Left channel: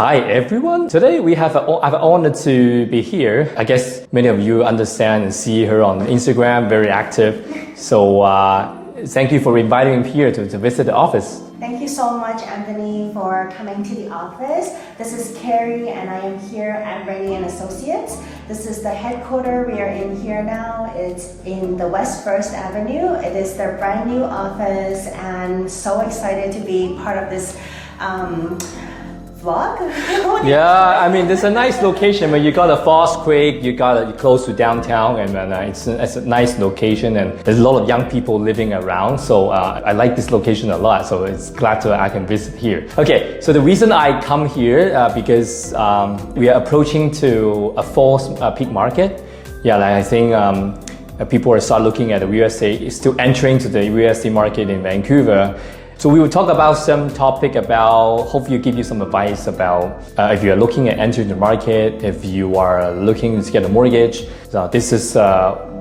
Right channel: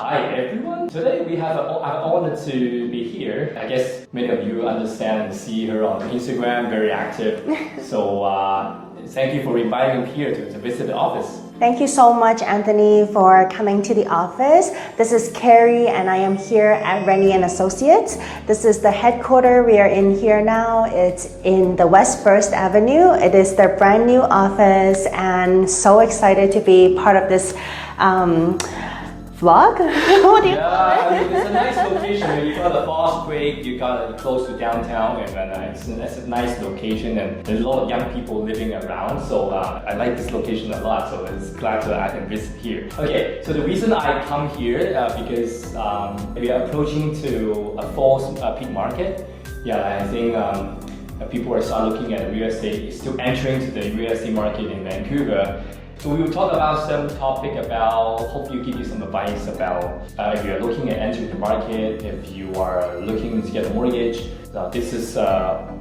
Hi everyone. Today we have I'm honored to be here. I guess many of you understand and see her on Instagram, very active. So thank you for inviting me here to visit the office. Thank you so much, Anthony, for coming to the office. This is Carrie, and I am here at Rennie and Associates. This is the headquarters. We are in here now. It's in the West First Avenue. It is their brand new office, and so excited to be part of this vlog. Yeah, I mean, it's a nice location. When you got a fast quick, you're close to downtown, and it's a nice location, and there's a lot of young people living around. So I like this location a lot. So it's glad I can visit here. Okay, so the reason I come here because we are approaching to a fall peak market. Yeah, like I think people are start looking at the real estate, still entering to the real estate market in Vancouver. So we will talk about some topic about, hopefully give you some advice about if you're looking at entering the market, if you are looking to get a mortgage. So this is,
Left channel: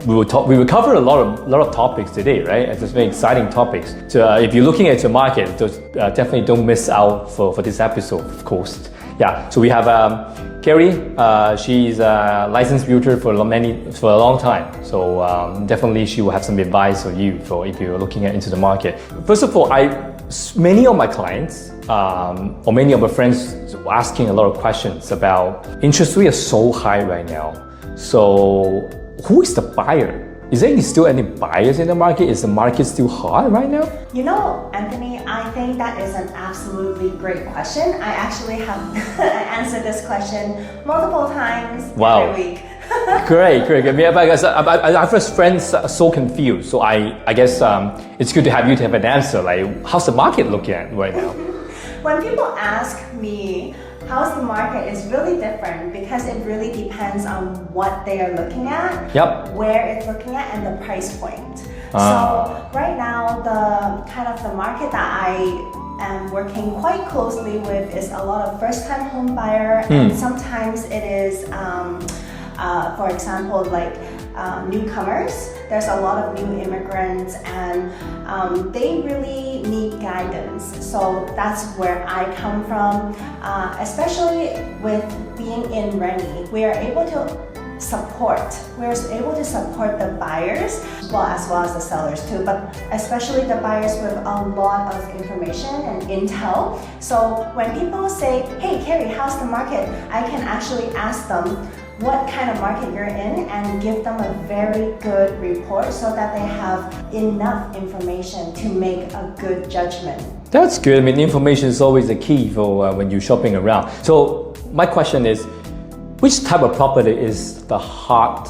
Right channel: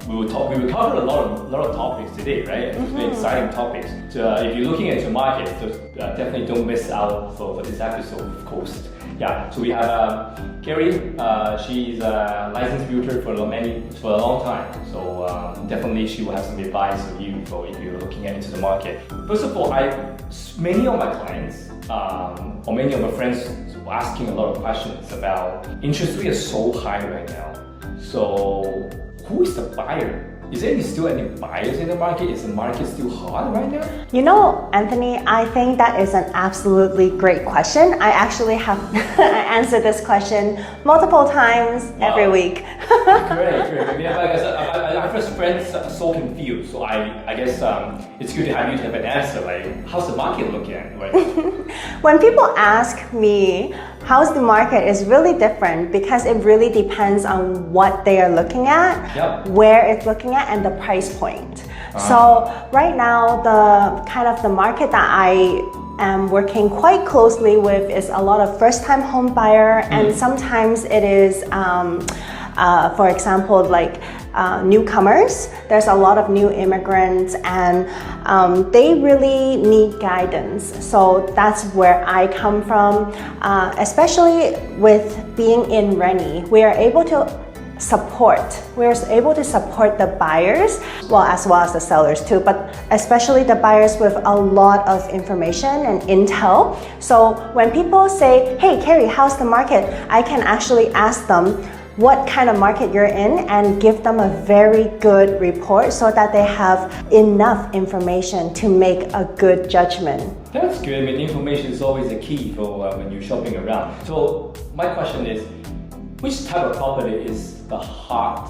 we will cover a lot of topics today, right? It's very exciting topics. So if you're looking at your market, definitely don't miss out for this episode, of course. Yeah, so we have Carrie. She's a licensed realtor for a long time. So definitely she will have some advice for you if you're looking into the market. First of all, many of my clients or many of my friends were asking a lot of questions about interest rate is so high right now. So who is the buyer? Is there still any buyers in the market? Is the market still hot right now? You know, Anthony, I think that is an absolutely great question. I actually have answered this question multiple times every week. Great. Because our first friends are so confused. So I guess it's good to have you to have an answer. Like, how's the market looking at right now? When people ask me, how's the market, is really different because it really depends on what they are looking at, where it's looking at, and the price point. So right now, the market that I am working quite closely with is a lot of first-time home buyer, and sometimes it is, for example, like newcomers. There's a lot of new immigrants, and they really need guidance. So that's where I come from, especially with being in Rennie. We are able to support the buyers, as well as the sellers too, but especially the buyers with a lot of information and intel. So when people say, hey Carrie, how's the market? I can actually ask them what kind of market you're in and give them a very good report so that they have enough information to make a good judgment. That's good. I mean, information is always the key for when you're shopping around. So my question is, which type of property is the hot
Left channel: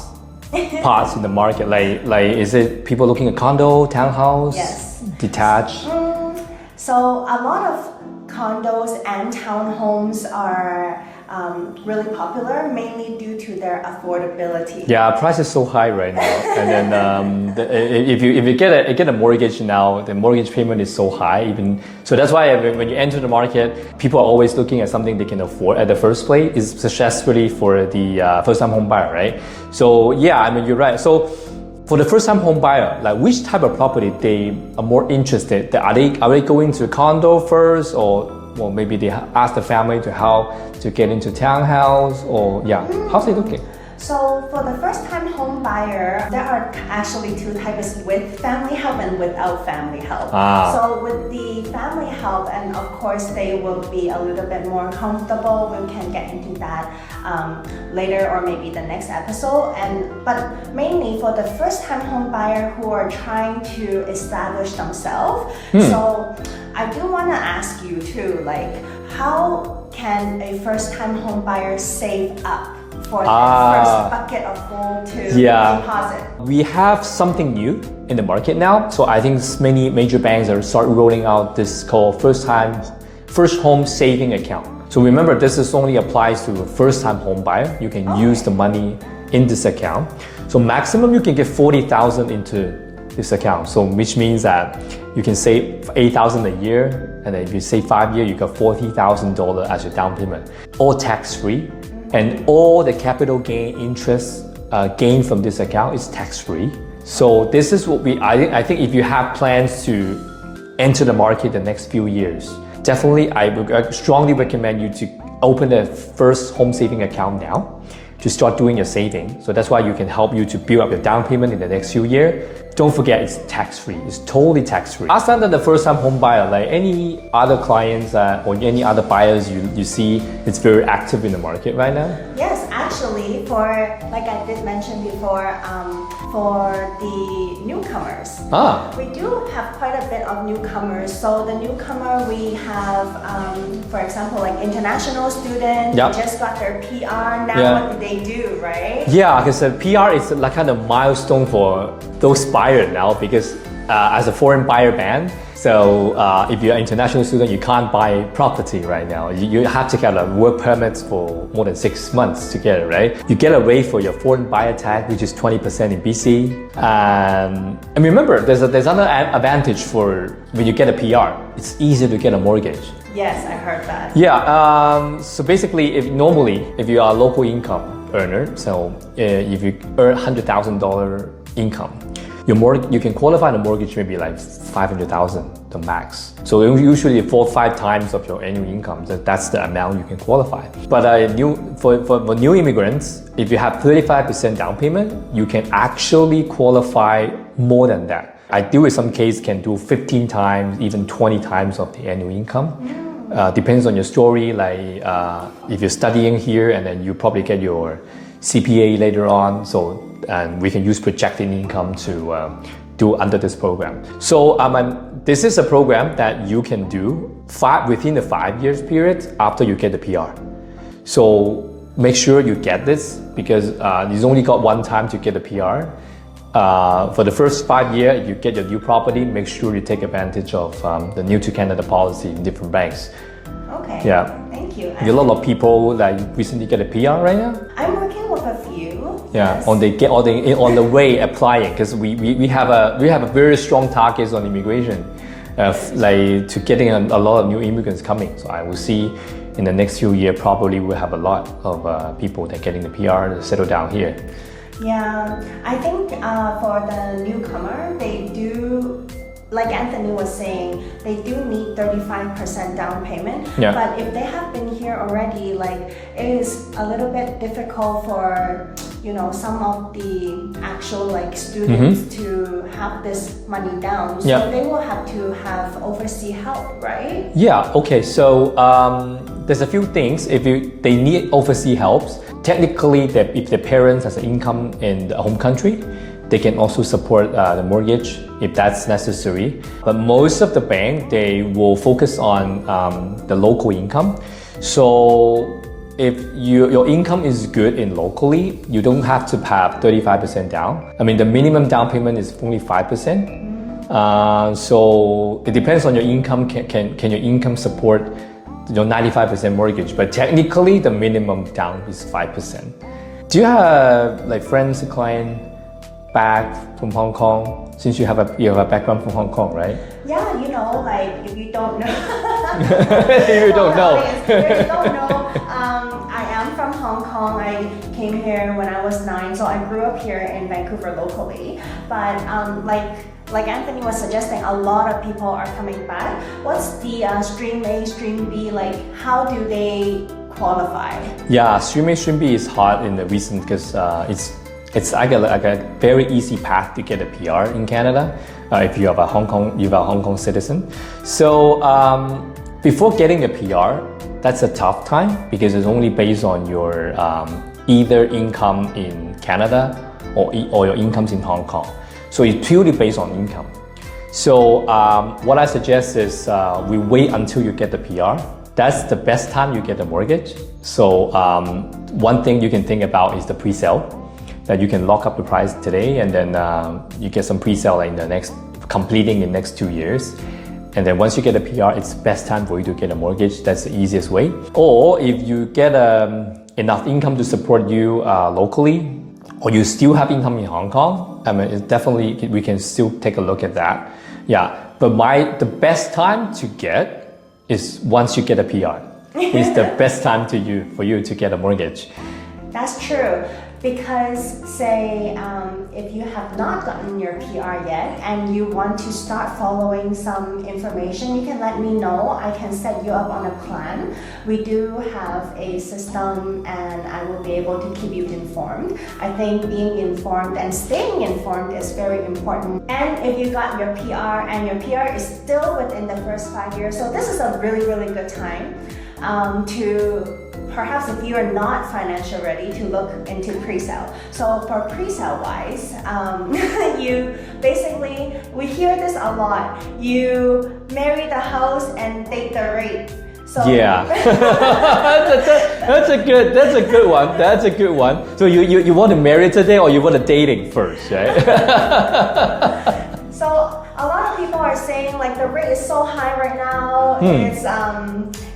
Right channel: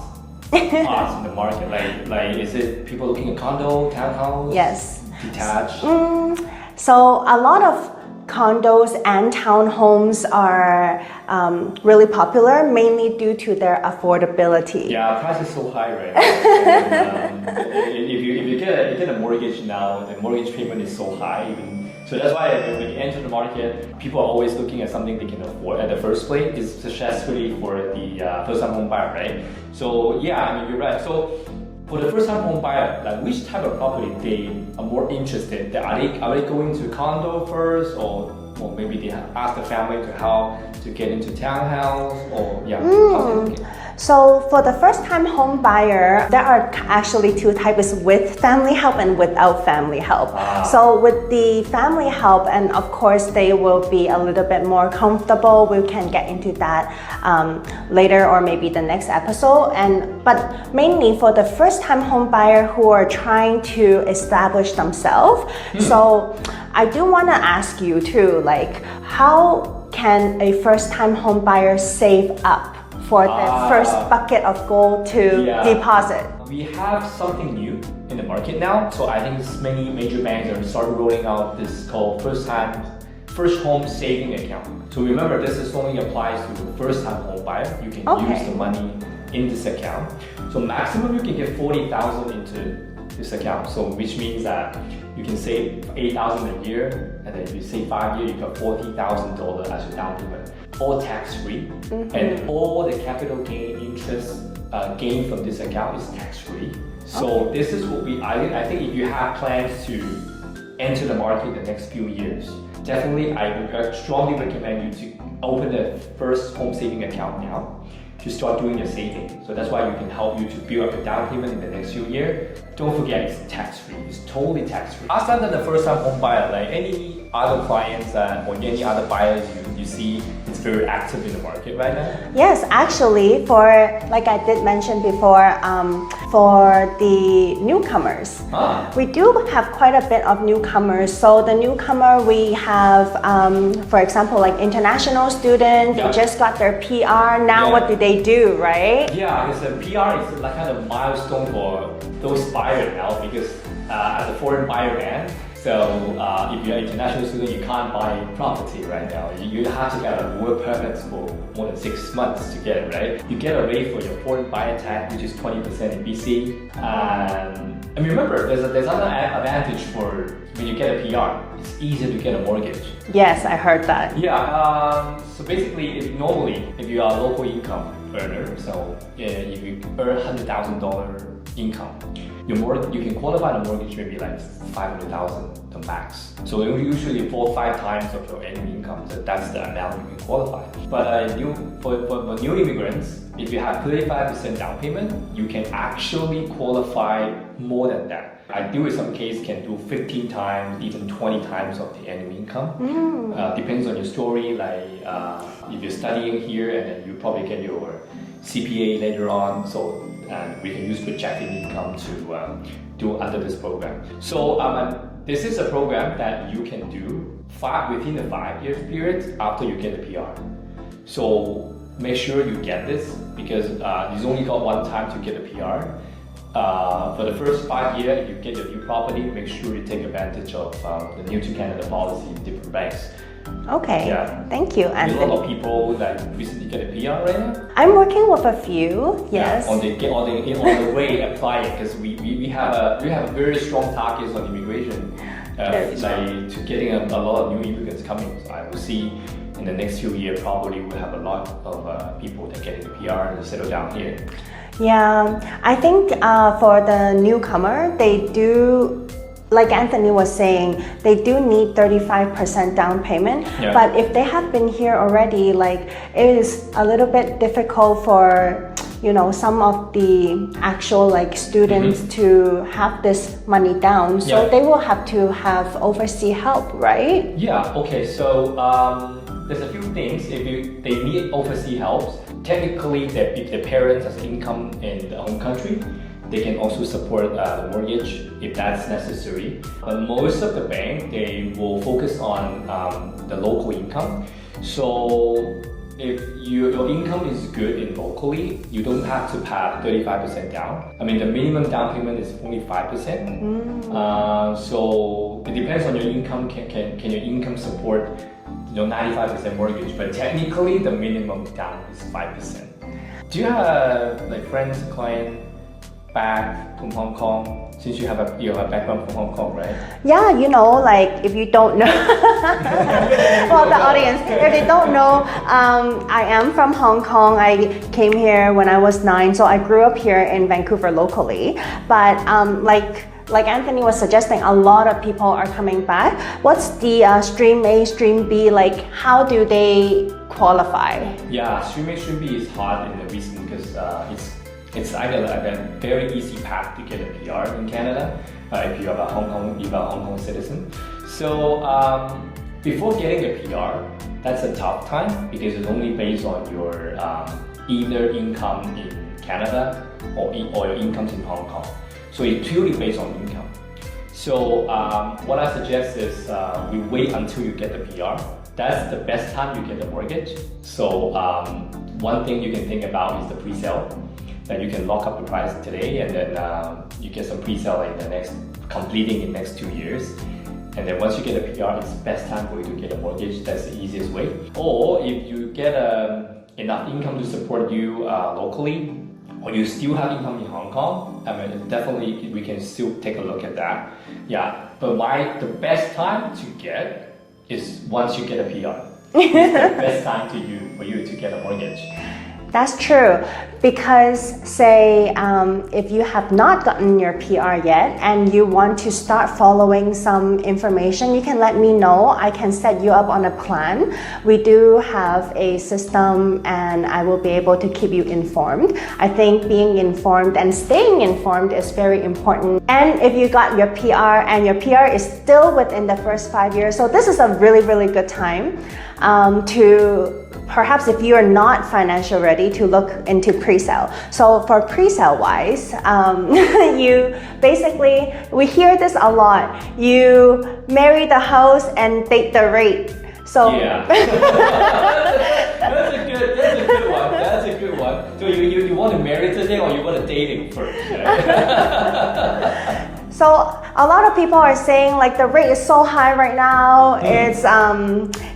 parts in the market? Like, is it people looking at condo, townhouse? Yes. Detached? So a lot of condos and townhomes are really popular, mainly due to their affordability. Yeah, price is so high right now. And then if you get a mortgage now, the mortgage payment is so high. So that's why when you enter the market, people are always looking at something they can afford at the first place. It's especially for the first-time home buyer, right? So yeah, I mean, you're right. So for the first-time home buyer, like which type of property they are more interested? Are they going to a condo first, or maybe they ask the family how to get into townhouse, or how's it looking? So for the first-time home buyer, there are actually two types, with family help and without family help. So with the family help, and of course they will be a little bit more comfortable. We can get into that later, or maybe the next episode. But mainly for the first-time home buyer who are trying to establish themselves. So I do want to ask you too, like, how can a first-time home buyer save up for that first bucket of gold to deposit? We have something new in the market now. So I think many major banks are start rolling out this called first home saving account. So remember, this is only applies to first-time home buyer. You can use the money in this account. So maximum you can get 40,000 into this account. So which means that you can save 8,000 a year, and then if you save 5 years, you got $40,000 as your down payment, all tax-free, and all the capital gain interest gain from this account is tax-free. So this is what I think if you have plans to enter the market the next few years, definitely I would strongly recommend you to open the first home saving account now to start doing your saving. So that's why you can help you to build up your down payment in the next few years. Don't forget, it's tax-free. It's totally tax-free. Other than the first-time home buyer, like any other clients or any other buyers you see, it's very active in the market right now? Yes, actually, like I did mention before, for the newcomers, we do have quite a bit of newcomers. So the newcomer, we have, for example, like international students who just got their PR. Now what do they do, right? Yeah, because the PR is like kind of milestone for those buyers now, because as a foreign buyer ban, so if you're an international student, you can't buy property right now. You have to get a work permit for more than 6 months to get it, right? You get a rate for your foreign buyer tax, which is 20% in BC. And remember, there's another advantage for when you get a PR. It's easier to get a mortgage. Yes, I heard that. Yeah, so basically, if you are a local income earner, so if you earn $100,000 income, you can qualify the mortgage maybe like $500,000 the max. So usually 4 or 5 times of your annual income, that's the amount you can qualify. But for new immigrants, if you have 35% down payment, you can actually qualify more than that. I do in some case can do 15 times, even 20 times of the annual income. Depends on your story, like if you're studying here and then you probably get your CPA later on, and we can use projected income to do under this program. So this is a program that you can do within the 5 years period after you get the PR. So make sure you get this, because you've only got one time to get the PR. For the first 5 years, if you get your new property, make sure you take advantage of the New to Canada policy in different banks. Okay. Yeah. Thank you. A lot of people that recently get a PR right now. I'm working with a few. Yes. On the way applying, because we have a very strong targets on immigration, like to getting a lot of new immigrants coming. So I will see in the next few years probably we'll have a lot of people that getting the PR to settle down here. Yeah, I think for the newcomer, they do, like Anthony was saying, they do need 35% down payment. Yeah. But if they have been here already, like it is a little bit difficult for some of the actual like students to have this money down. So they will have to have overseas help, right? Yeah. Okay. So there's a few things. If they need overseas help, technically, if the parents has an income in the home country, they can also support the mortgage if that's necessary. But most of the bank, they will focus on the local income. So if your income is good in locally, you don't have to have 35% down. I mean, the minimum down payment is only 5%. So it depends on your income. Can your income support 95% mortgage? But technically, the minimum down is 5%. Do you have like friends, client back from Hong Kong? Since you have a background from Hong Kong, right? Yeah, like if you don't know, audience, if you don't know, I am from Hong Kong. I came here when I was 9, so I grew up here in Vancouver locally. But like Anthony was suggesting, a lot of people are coming back. What's the stream A, stream B? Like, how do they qualify? Yeah, stream A, stream B is hard in the recent because it's like a very easy path to get a PR in Canada if you have a Hong Kong citizen. So before getting a PR, that's a tough time because it's only based on your either income in Canada or your incomes in Hong Kong. So it's purely based on income. So what I suggest is we wait until you get the PR. That's the best time you get a mortgage. So one thing you can think about is the pre-sale. That you can lock up the price today and then you get some pre-sale in completing in the next 2 years. And then once you get a PR, it's the best time for you to get a mortgage. That's the easiest way. Or if you get enough income to support you locally, or you still have income in Hong Kong, I mean, definitely we can still take a look at that. Yeah, but the best time to get is once you get a PR. It's the best time for you to get a mortgage. That's true. Because say if you have not gotten your PR yet and you want to start following some information, you can let me know. I can set you up on a plan. We do have a system and I will be able to keep you informed. I think being informed and staying informed is very important. And if you got your PR and your PR is still within the first 5 years, so this is a really, really good time to perhaps if you are not financially ready to look into pre-sale. So for pre-sale wise, you basically, we hear this a lot. You marry the house and date the rate. So yeah, that's a good one. That's a good one. So you want to marry today or you want to dating first, right? So a lot of people are saying like the rate is so high right now.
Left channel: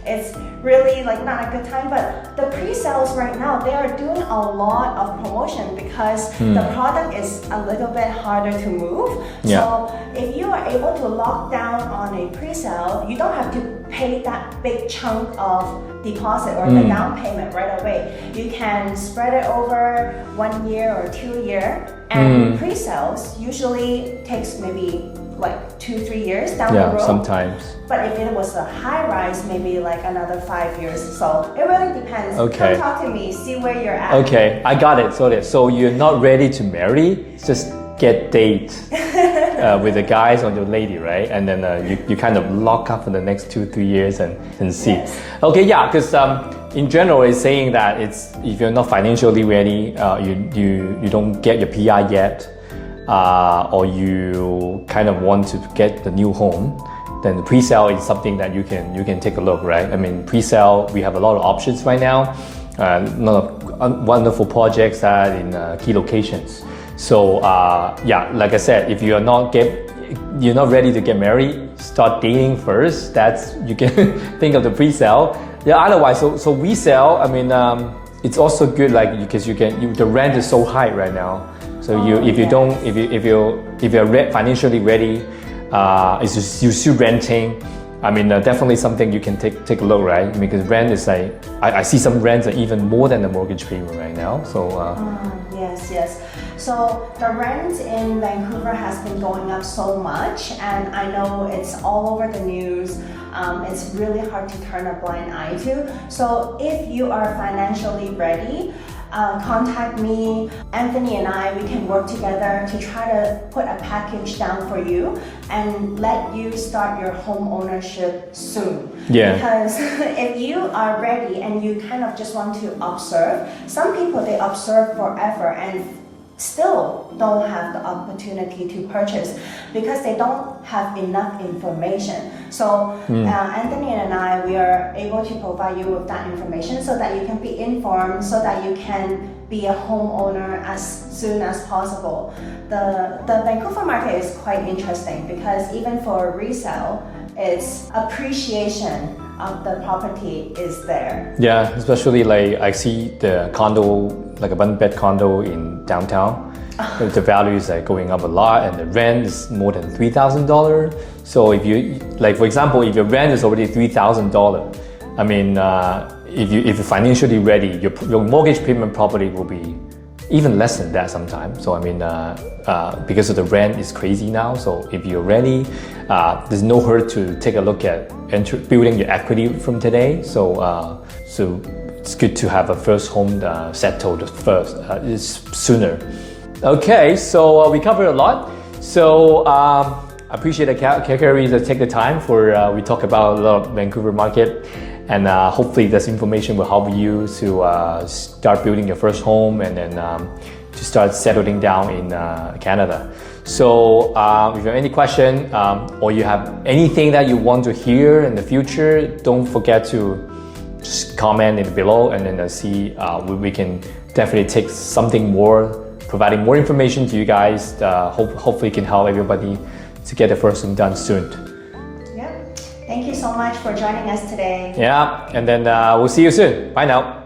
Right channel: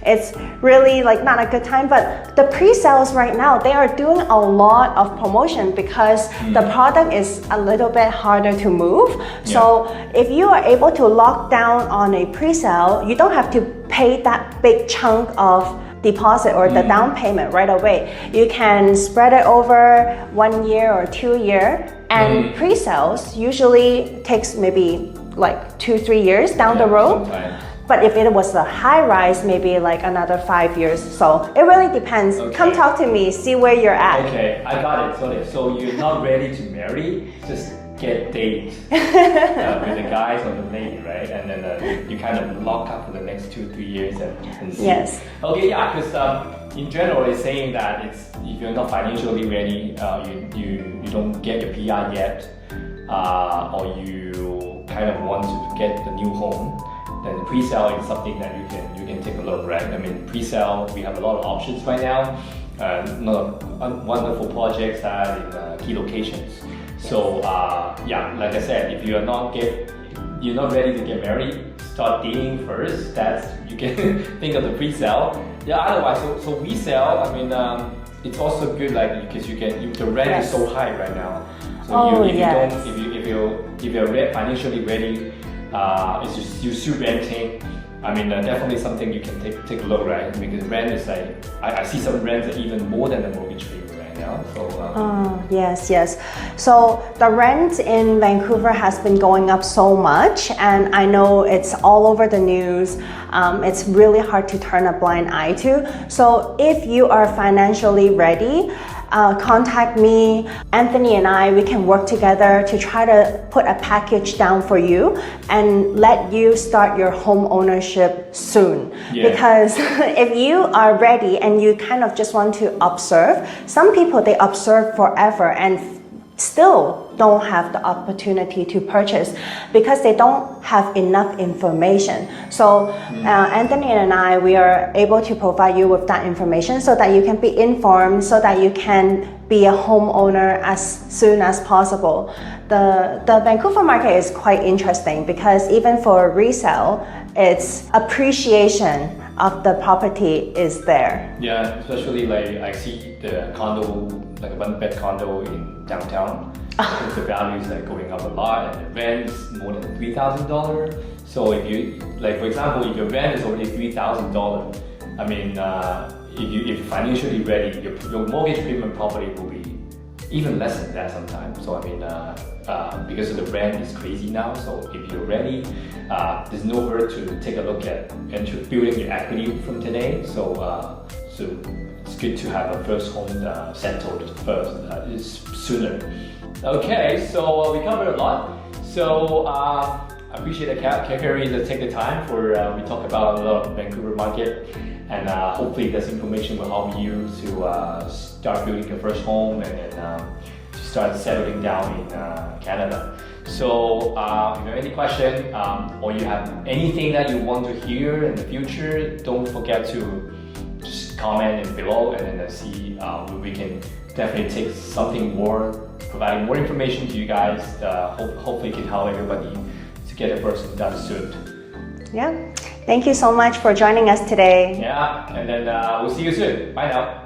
It's really like not a good time. But the pre-sales right now, they are doing a lot of promotion because the product is a little bit harder to move. Yeah. So if you are able to lock down on a pre-sale, you don't have to pay that big chunk of deposit or the down payment right away. You can spread it over 1 year or 2 years. And pre-sales usually takes maybe like 2-3 years down the road. Sometimes. But if it was a high rise, maybe like another 5 years. So it really depends. Okay. Come talk to me, see where you're at. Okay, I got it. So you're not ready to marry, just get date with the guys or the lady, right? And then you kind of lock up for the next 2-3 years and see. Yes. Okay, yeah, because in general it's saying that it's if you're not financially ready, you don't get your PR yet, or you kind of want to get the new home, then pre-sale is something that you can take a look, right? I mean, pre-sale, we have a lot of options right now. A lot of wonderful projects that in key locations. So yeah, like I said, if you're not ready to get married, start dating first. That's you can think of the pre-sale. Yeah, otherwise, so resale. I mean, it's also good, like because the rent is so high right now. So if you're financially ready, you're still renting. I mean, definitely something you can take a look, right? Because rent is like, I see some rents are even more than the mortgage payment right now. So yes. So the rent in Vancouver has been going up so much, and I know it's all over the news. It's really hard to turn a blind eye to. So if you are financially ready, contact me. Anthony and I, we can work together to try to put a package down for you and let you start your home ownership soon. Yeah. Because if you are ready and you kind of just want to observe, some people, they observe forever and still don't have the opportunity to purchase because they don't have enough information. So Anthony and I, we are able to provide you with that information so that you can be informed, so that you can be a homeowner as soon as possible. The Vancouver market is quite interesting because even for resale, its appreciation of the property is there. yeah, especially like I see the condo, like a one-bed condo in downtown. The value is like going up a lot, and the rent is more than $3,000. So if you, like for example, if your rent is already $3,000, I mean, if you're financially ready, your mortgage payment probably will be even less than that sometimes. So I mean, because of the rent is crazy now. So if you're ready, there's no hurt to take a look at building your equity from today. So it's good to have a first home settled first, sooner. Okay, so we covered a lot. So I appreciate Carrie to take the time for we talk about a lot of Vancouver market, and hopefully this information will help you to start building your first home and then to start settling down in Canada. So if you have any question or you have anything that you want to hear in the future, don't forget to just comment it below, and then see we can definitely take something more, providing more information to you guys. Hopefully can help everybody to get the first home done soon. Yeah. Thank you so much for joining us today. Yeah, and then we'll see you soon. Bye now.